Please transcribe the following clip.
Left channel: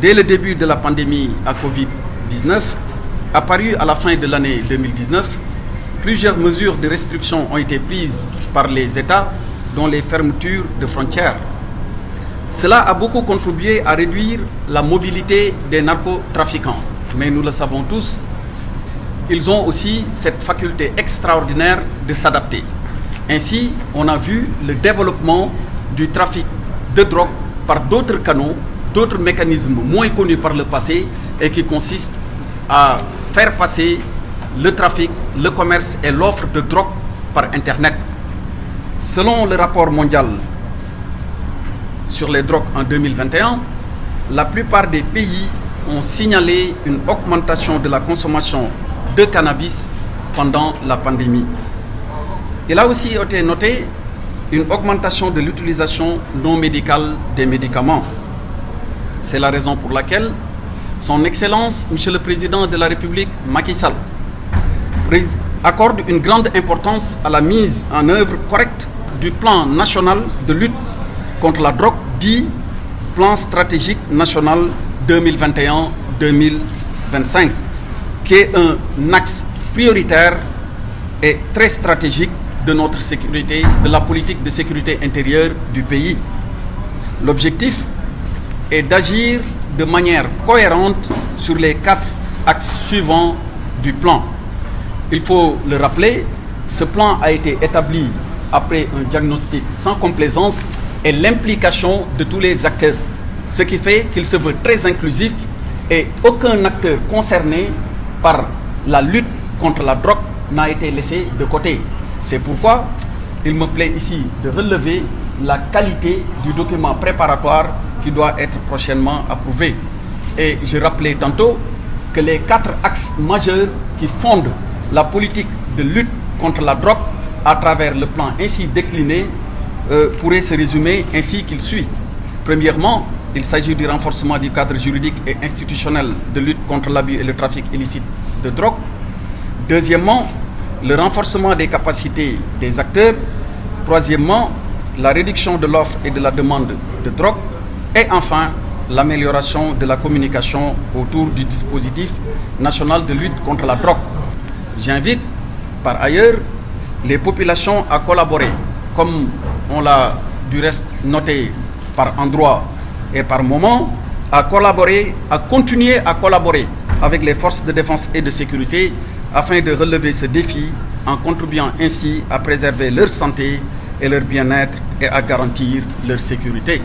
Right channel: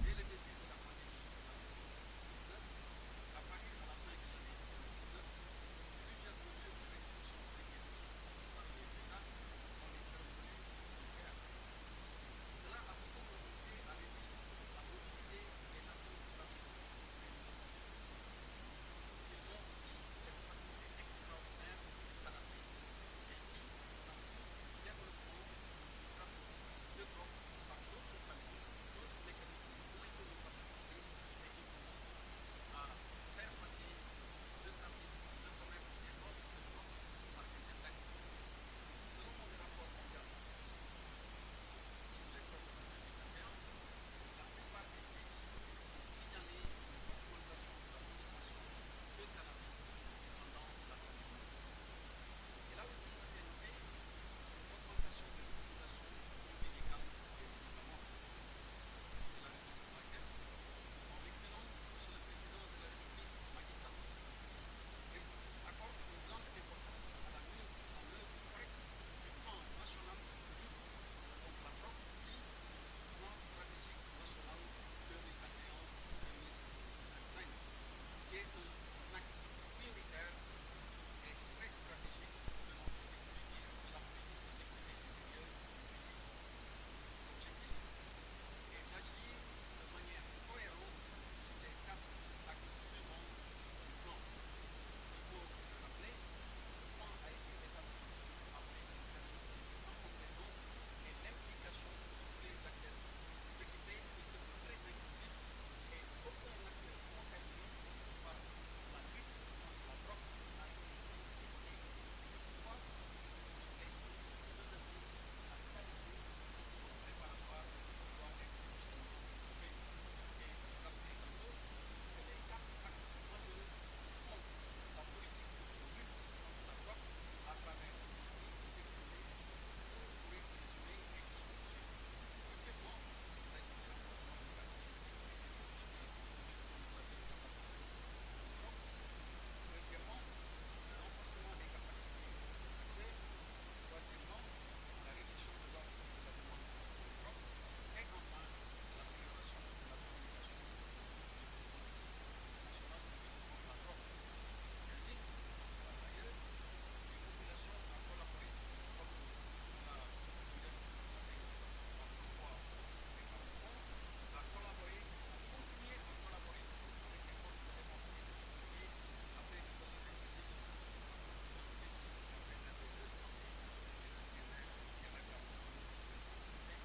dès le début de la pandémie à Covid-19, apparue à la fin de l'année 2019, plusieurs mesures de restriction ont été prises par les États, dont les fermetures de frontières. Cela a beaucoup contribué à réduire la mobilité des narcotrafiquants. Mais nous le savons tous, ils ont aussi cette faculté extraordinaire de s'adapter. Ainsi, on a vu le développement du trafic de drogue par d'autres canaux, d'autres mécanismes moins connus par le passé et qui consistent à faire passer le trafic, le commerce et l'offre de drogue par Internet. Selon le rapport mondial sur les drogues en 2021, la plupart des pays ont signalé une augmentation de la consommation de cannabis pendant la pandémie. Il a aussi été noté une augmentation de l'utilisation non médicale des médicaments. C'est la raison pour laquelle Son Excellence, Monsieur le Président de la République, Macky Sall, accorde une grande importance à la mise en œuvre correcte du plan national de lutte contre la drogue, dit plan stratégique national 2021-2025, qui est un axe prioritaire et très stratégique de notre sécurité, de la politique de sécurité intérieure du pays. L'objectif est d'agir de manière cohérente sur les 4 axes suivants du plan. Il faut le rappeler, ce plan a été établi après un diagnostic sans complaisance et l'implication de tous les acteurs, ce qui fait qu'il se veut très inclusif et aucun acteur concerné par la lutte contre la drogue n'a été laissé de côté. C'est pourquoi il me plaît ici de relever la qualité du document préparatoire qui doit être prochainement approuvé. Et je rappelais tantôt que les 4 axes majeurs qui fondent la politique de lutte contre la drogue à travers le plan ainsi décliné pourraient se résumer ainsi qu'il suit. Premièrement, il s'agit du renforcement du cadre juridique et institutionnel de lutte contre l'abus et le trafic illicite de drogue. Deuxièmement, le renforcement des capacités des acteurs. Troisièmement, la réduction de l'offre et de la demande de drogue. Et enfin, l'amélioration de la communication autour du dispositif national de lutte contre la drogue. J'invite par ailleurs les populations à collaborer, comme on l'a du reste noté par endroits et par moments, à continuer à collaborer avec les forces de défense et de sécurité afin de relever ce défi en contribuant ainsi à préserver leur santé et leur bien-être et à garantir leur sécurité.